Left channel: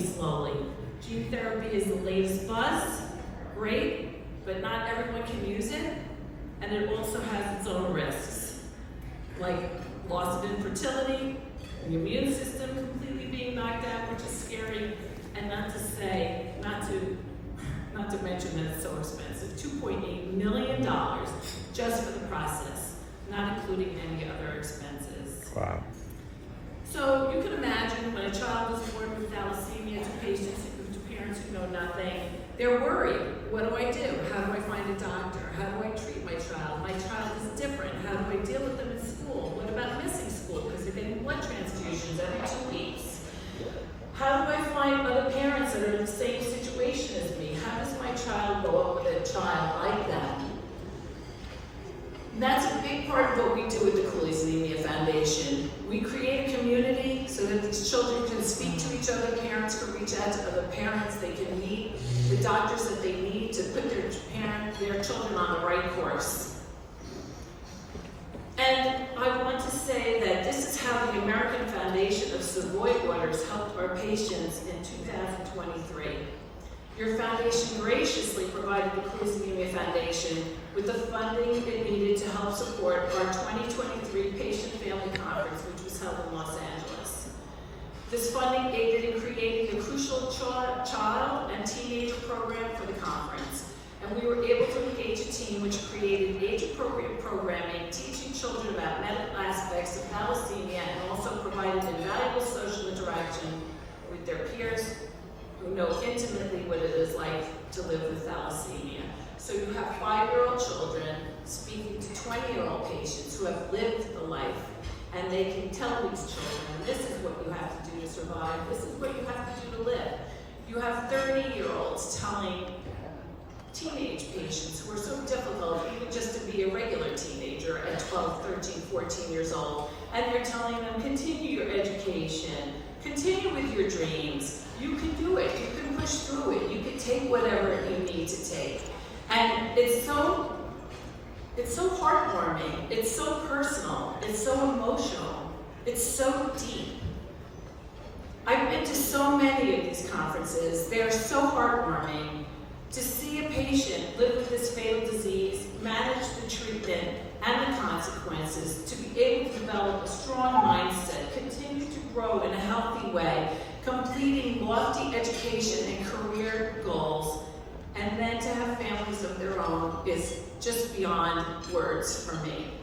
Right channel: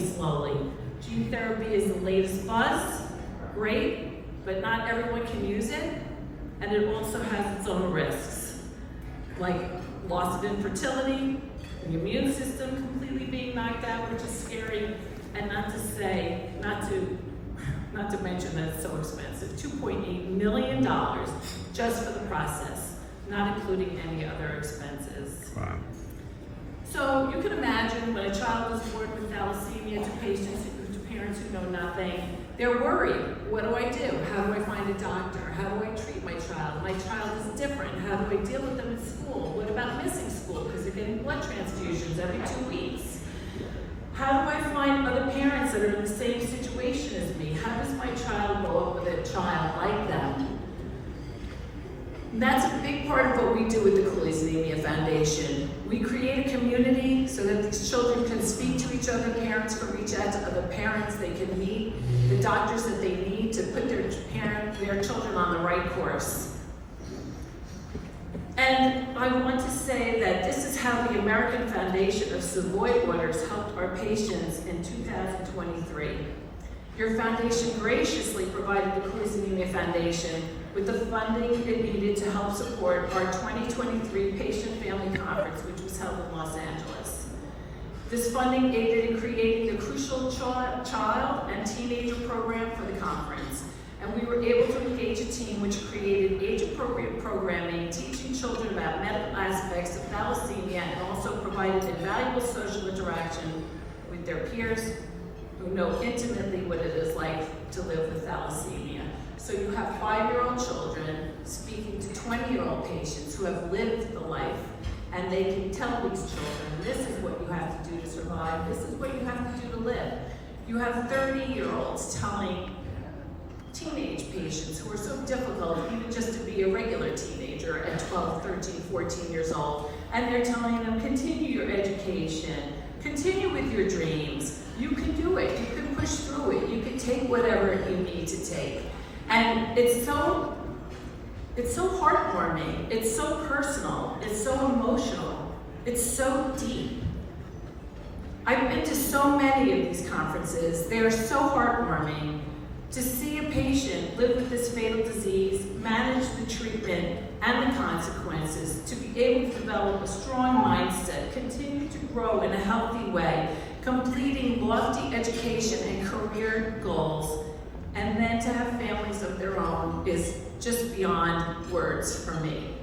moving slowly. Gene therapy is the latest buzz, great, but not everyone can use it, and it also has its own risks, like loss of infertility, the immune system completely being knocked out, which is scary, and not to mention that it's so expensive, $2.8 million just for the process, not including any other expenses. Wow. So you can imagine when a child is born with thalassemia to parents who know nothing, they're worried. What do I do? How do I find a doctor? How do I treat my child? My child is different. How do I deal with them in school? What about missing school because they're getting blood transfusions every 2 weeks? How do I find other parents that are in the same situation as me? How does my child grow up with a child like that? And that's a big part of what we do with the Cooley's Anemia Foundation. We create a community so that these children can speak to each other, parents can reach out to other parents, they can meet the doctors that they need to put their children on the right course. And I want to say that this is how the American Foundation of Savoia Waters helped our patients in 2023. Your foundation graciously provided the Cooley's Anemia Foundation with the funding it needed to help support our 2023 Patient Family Conference, which was held in Los Angeles. This funding aided in creating the crucial child and teenager program for the conference. And we were able to engage a team which created age-appropriate programming, teaching children about medical aspects of thalassemia, and also provided invaluable social interaction with their peers who know intimately what it is like to live with thalassemia. So you have 5-year-old children speaking to 20-year-old patients who have lived the life, and they can tell these children, this is what you have to do to survive, this is what you have to do to live. You have 30-year-olds telling teenage patients who are so difficult, even just to be a regular teenager at 12, 13, 14 years old, and they're telling them, continue your education, continue with your dreams, you can do it, you can push through it, you can take whatever you need to take. And it's so heartwarming, it's so personal, it's so emotional, it's so deep. I've been to so many of these conferences, they're so heartwarming. To see a patient live with this fatal disease, manage the treatment and the consequences, to be able to develop a strong mindset, continue to grow in a healthy way, completing lofty education and career goals, and then to have families of their own is just beyond words for me.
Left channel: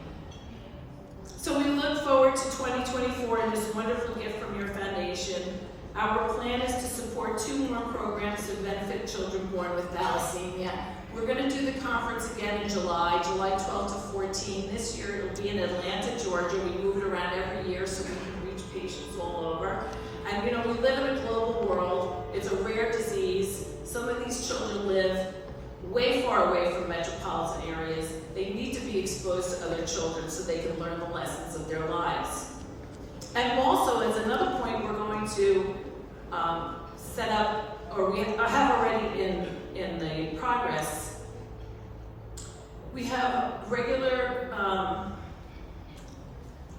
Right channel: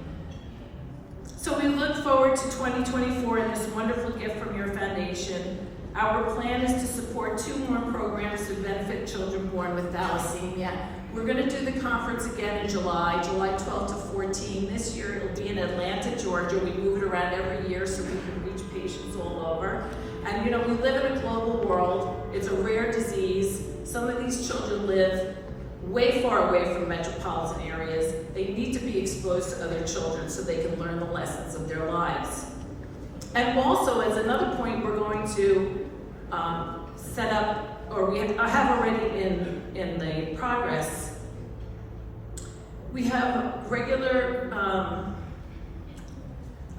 So we look forward to 2024 and this wonderful gift from your foundation. Our plan is to support 2 more programs to benefit children born with thalassemia. We're going to do the conference again in July 12 to 14. This year it will be in Atlanta, Georgia. We move it around every year so we can reach patients all over. And we live in a global world. It's a rare disease. Some of these children live way far away from metropolitan areas. They need to be exposed to other children so they can learn the lessons of their lives. And also, as another point, we're going to set up, or we have already in the progress, we have regular, I'm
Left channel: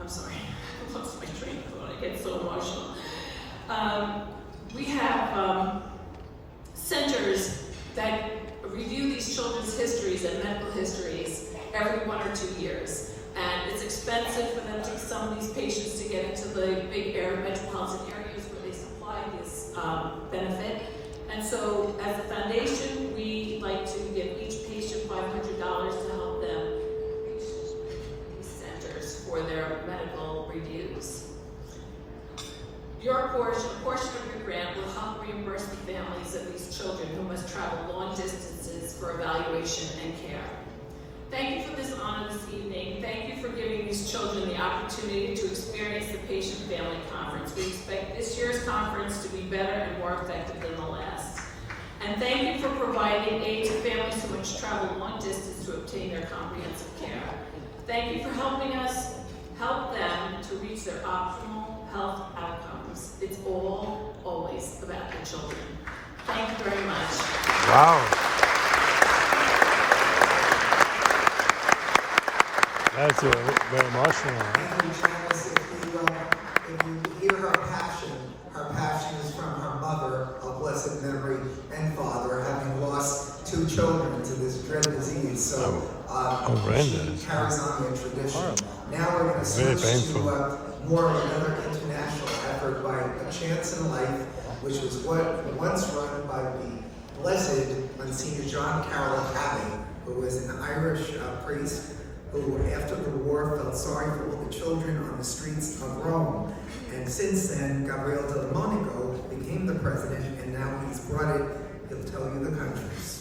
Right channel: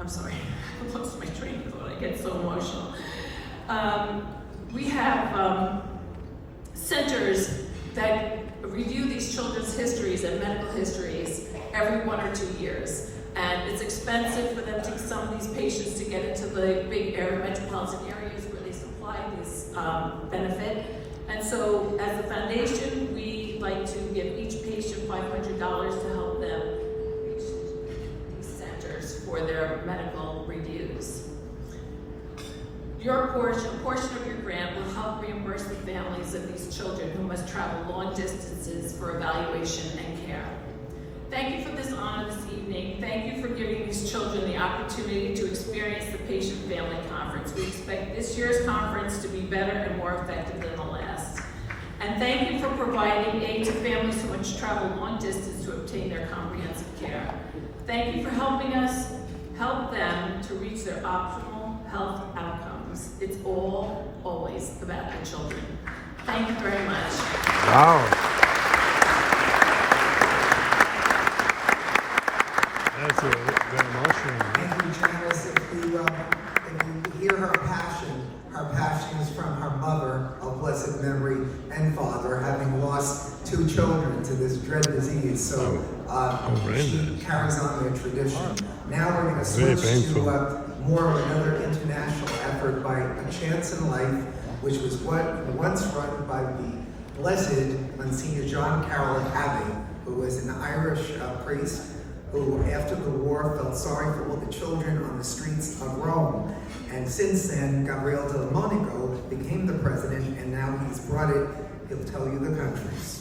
sorry, I lost my train of thought, I get so emotional. We have centers that review these children's histories and medical histories every 1 or 2 years. And it's expensive for them to some of these patients to get into the big metropolitan areas where they supply this benefit. And so as a foundation, we like to give each patient $500 to help them reach these centers for their medical reviews. Your portion, a portion of your grant will help reimburse the families of these children who must travel long distances for evaluation and care. Thank you for this honor this evening. Thank you for giving these children the opportunity to experience the Patient Family Conference. We expect this year's conference to be better and more effective than the last. And thank you for providing aid to families who must travel long distance to obtain their comprehensive care. Thank you for helping us help them to reach their optimal health outcomes. It's always about the children. Thank you very much. Wow. That's very emotional. Thank you, Janice. If you hear her passion is from her mother. children to this dread disease. So horrendous. she carries on the tradition. Now we're going to Very switch painful. to more of another international effort by A Chance in Life, which was once run by the Blessed Monsignor John Carroll Abbey, who was an Irish priest who, after the war, felt sorry for all the children on the streets of Rome. And since then, Gabriel Del Monico became the president, and now he's brought it. He'll tell you the countries.